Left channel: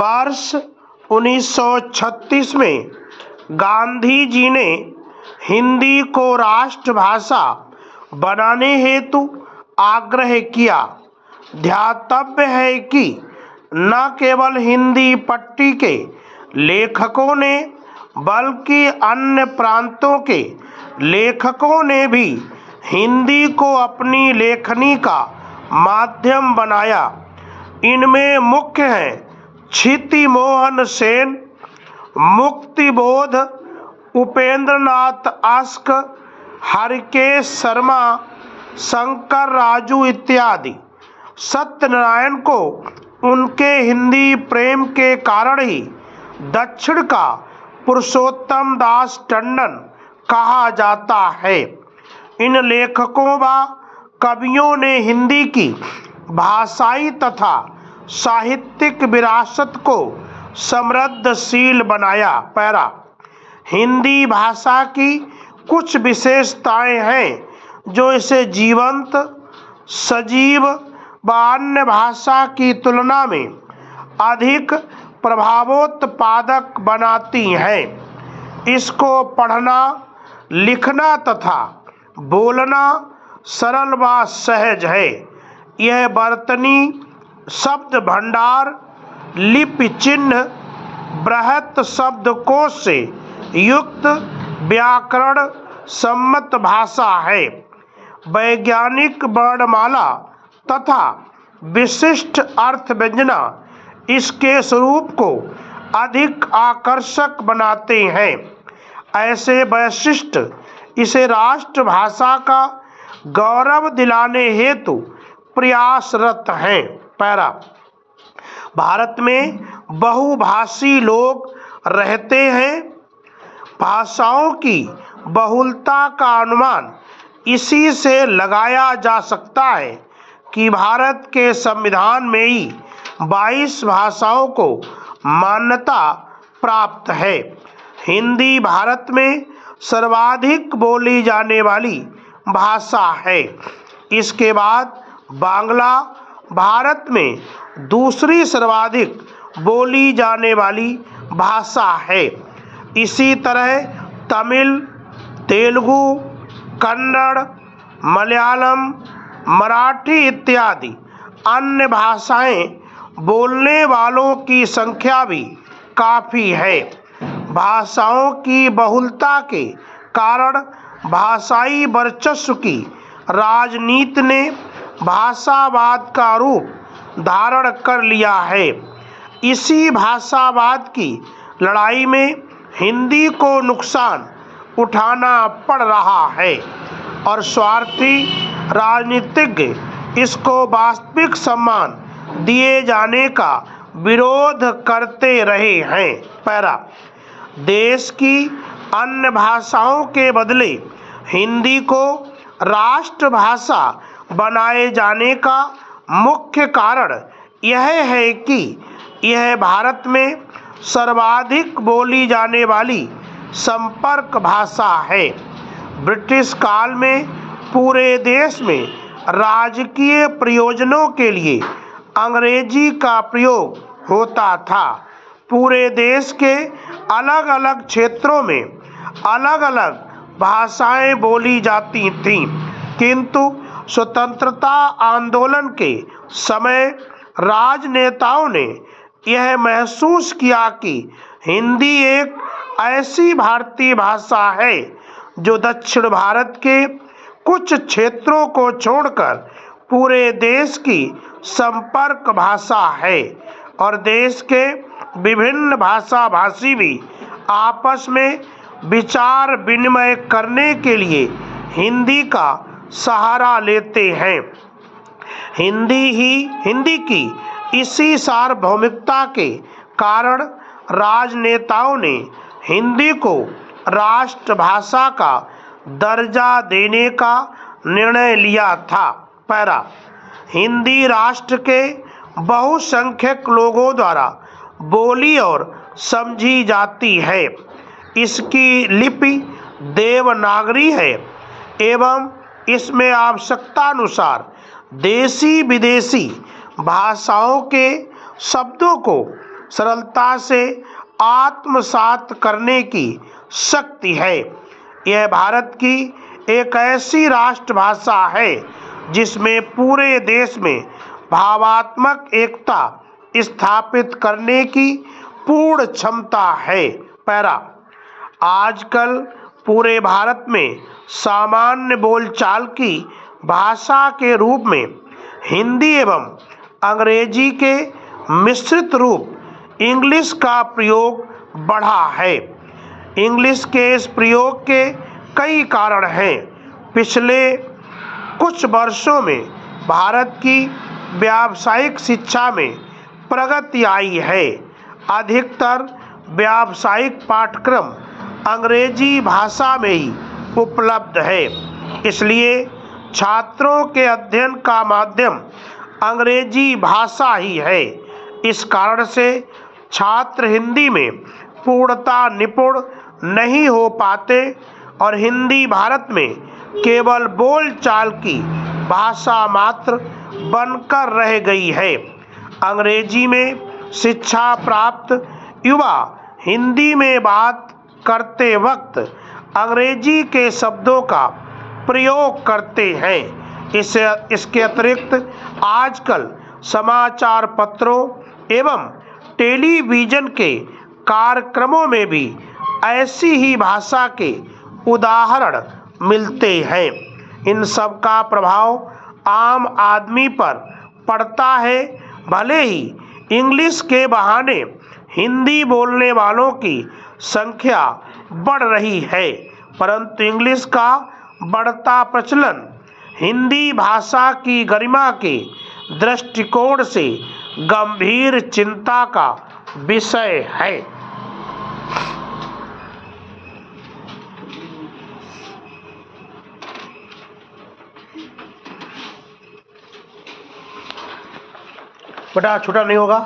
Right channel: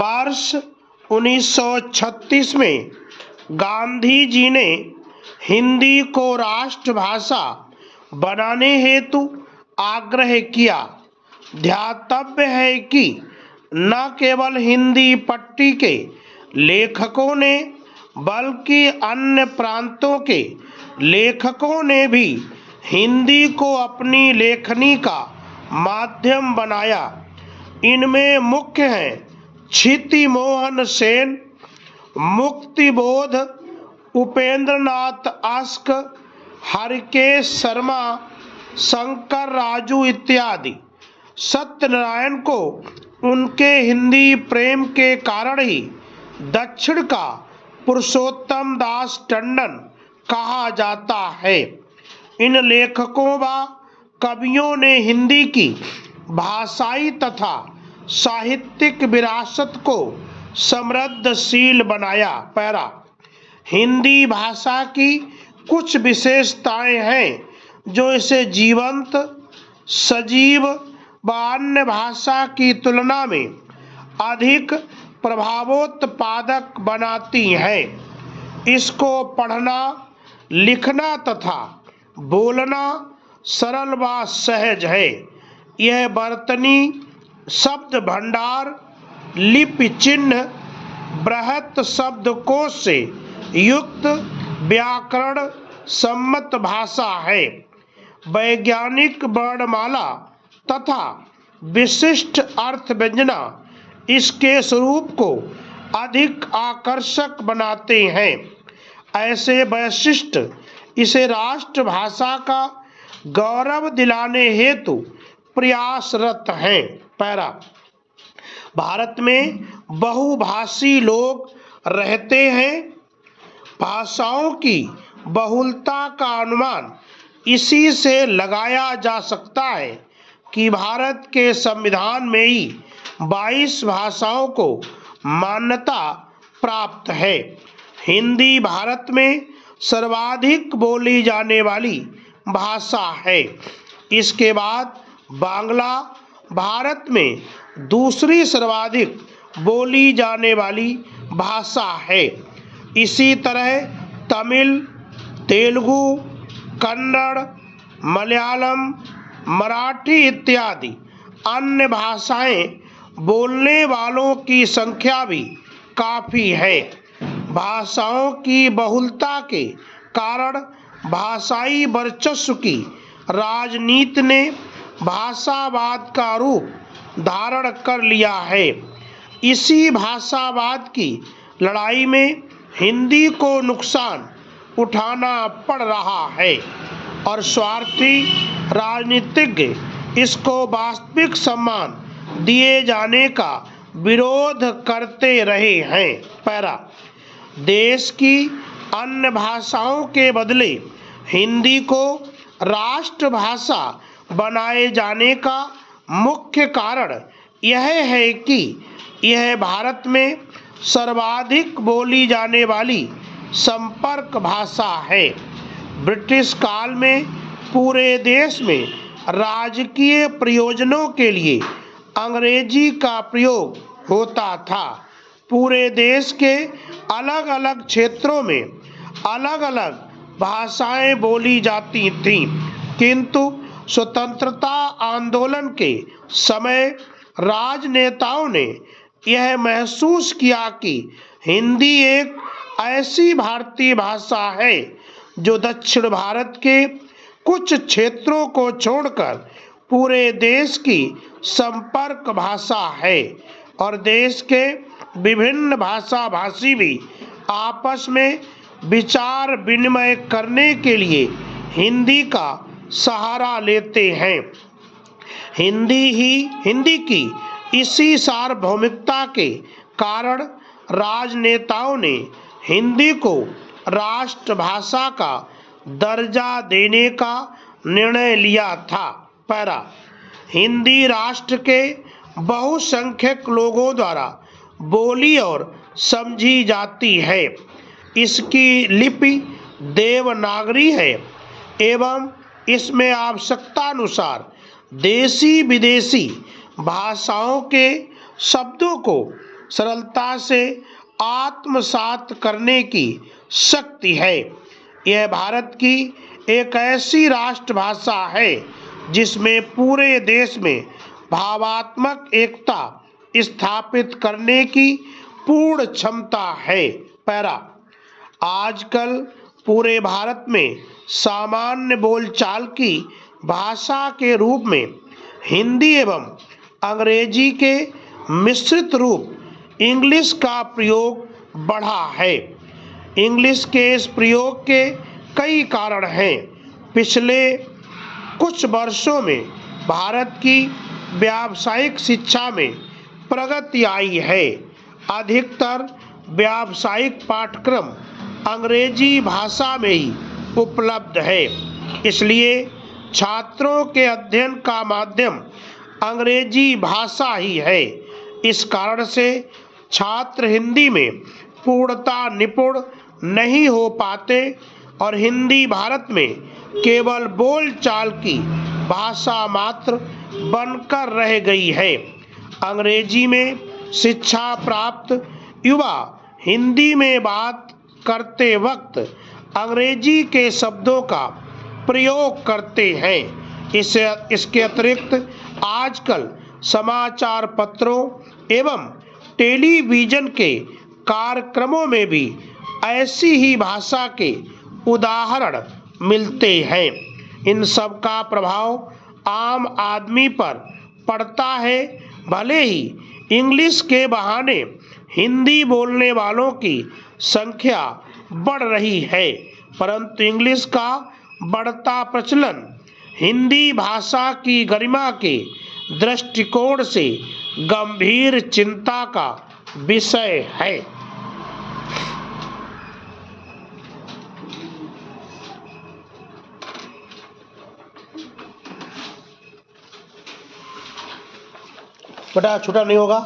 वर्ष 1936 में गांधी जी ने हिंदी को राष्ट्रभाषा बनाने हेतु आग्रह किया। ध्यातव्य है कि न केवल हिंदी पट्टी के लेखकों ने बल्कि अन्य प्रांतों के लेखकों ने भी हिंदी को अपनी लेखनी का माध्यम बनाया। इनमें मुख्य हैं क्षिति मोहन सेन, मुक्तिबोध, उपेंद्रनाथ अस्क, हरिकेश शर्मा, शंकर राजू इत्यादि। सत्यनारायण को उनके हिंदी प्रेम के कारण ही दक्षिण का पुरुषोत्तम दास टंडन कहा जाता है। इन लेखकों व कवियों ने हिंदी की भाषाई तथा साहित्यिक विरासत को समृद्धशील बनाया। पैरा हिंदी भाषा की कुछ विशेषताएं हैं जो इसे जीवंत, सजीव व अन्य भाषा की तुलना में अधिक प्रभावोत्पादक बनाती हैं। इसको पढ़ना, लिखना तथा बोलना सरल व सहज है। यह वर्तनी, शब्द भंडार, लिपि चिन्ह, बृहत शब्दकोश से युक्त व्याकरण सम्मत भाषा है। वैज्ञानिक वर्णमाला तथा विशिष्ट अर्थ व्यंजना इसके स्वरूप को अधिक आकर्षक बनाते हैं। ऐसे वैशिष्ट इसे राष्ट्रभाषा का गौरव दिलाने हेतु प्रयासरत हैं। पैरा भारत में बहुभाषी लोग रहते हैं। भाषाओं की बहुलता का अनुमान इसी से लगाया जा सकता है कि भारत के संविधान में ही 22 भाषाओं को मान्यता प्राप्त है। हिंदी भारत में सर्वाधिक बोली जाने वाली भाषा है। इसके बाद बांग्ला भारत में दूसरी सर्वाधिक बोली जाने वाली भाषा है। इसी तरह तमिल, तेलुगु, कन्नड़, मलयालम, मराठी इत्यादि अन्य भाषाएं बोलने वालों की संख्या भी काफ़ी है। भाषाओं की बहुलता के कारण भाषाई वर्चस्व की राजनीति ने भाषावाद का रूप धारण कर लिया है। इसी भाषावाद की लड़ाई में हिंदी को नुकसान उठाना पड़ रहा है और स्वार्थी राजनीतिज्ञ इसको वास्तविक सम्मान दिए जाने का विरोध करते रहे हैं। पैरा देश की अन्य भाषाओं के बदले हिंदी को राष्ट्रभाषा बनाए जाने का मुख्य कारण यह है कि यह भारत में सर्वाधिक बोली जाने वाली संपर्क भाषा है। ब्रिटिश काल में पूरे देश में राजकीय प्रयोजनों के लिए अंग्रेजी का प्रयोग होता था। पूरे देश के अलग अलग क्षेत्रों में अलग अलग भाषाएं बोली जाती थीं, किंतु स्वतंत्रता आंदोलन के समय राजनेताओं ने यह महसूस किया कि हिंदी एक ऐसी भारतीय भाषा है जो दक्षिण भारत के कुछ क्षेत्रों को छोड़कर पूरे देश की संपर्क भाषा है और देश के विभिन्न भाषा भाषी भी आपस में विचार विनिमय करने के लिए हिंदी का सहारा लेते हैं। हिंदी की इसी सार्वभौमिकता के कारण राजनेताओं ने हिंदी को राष्ट्रभाषा का दर्जा देने का निर्णय लिया था। पैरा हिंदी राष्ट्र के बहुसंख्यक लोगों द्वारा बोली और समझी जाती है। इसकी लिपि देवनागरी है एवं इसमें आवश्यकतानुसार देशी विदेशी भाषाओं के शब्दों को सरलता से आत्मसात करने की शक्ति है। यह भारत की एक ऐसी राष्ट्रभाषा है जिसमें पूरे देश में भावात्मक एकता स्थापित करने की पूर्ण क्षमता है। पैरा आजकल पूरे भारत में सामान्य बोलचाल की भाषा के रूप में हिंदी एवं अंग्रेजी के मिश्रित रूप इंग्लिश का प्रयोग बढ़ा है। इंग्लिश के इस प्रयोग के कई कारण हैं। पिछले कुछ वर्षों में भारत की व्यावसायिक शिक्षा में प्रगति आई है। अधिकतर व्यावसायिक पाठ्यक्रम अंग्रेजी भाषा में ही उपलब्ध है, इसलिए छात्रों के अध्ययन का माध्यम अंग्रेजी भाषा ही है। इस कारण से छात्र हिंदी में पूर्णतः निपुण नहीं हो पाते और हिंदी भारत में केवल बोलचाल की भाषा मात्र बनकर रह गई है। अंग्रेजी में शिक्षा प्राप्त युवा हिंदी में बात करते वक्त अंग्रेजी के शब्दों का प्रयोग करते हैं। इसके अतिरिक्त आजकल समाचार पत्रों एवं टेलीविज़न के कार्यक्रमों में भी ऐसी ही भाषा के उदाहरण मिलते हैं। इन सब का प्रभाव आम आदमी पर पड़ता है। भले ही इंग्लिश के बहाने हिंदी बोलने वालों की संख्या बढ़ रही है, परंतु इंग्लिश का बढ़ता प्रचलन हिंदी भाषा की गरिमा के दृष्टिकोण से गंभीर चिंता का विषय है। बेटा छोटा नहीं होगा।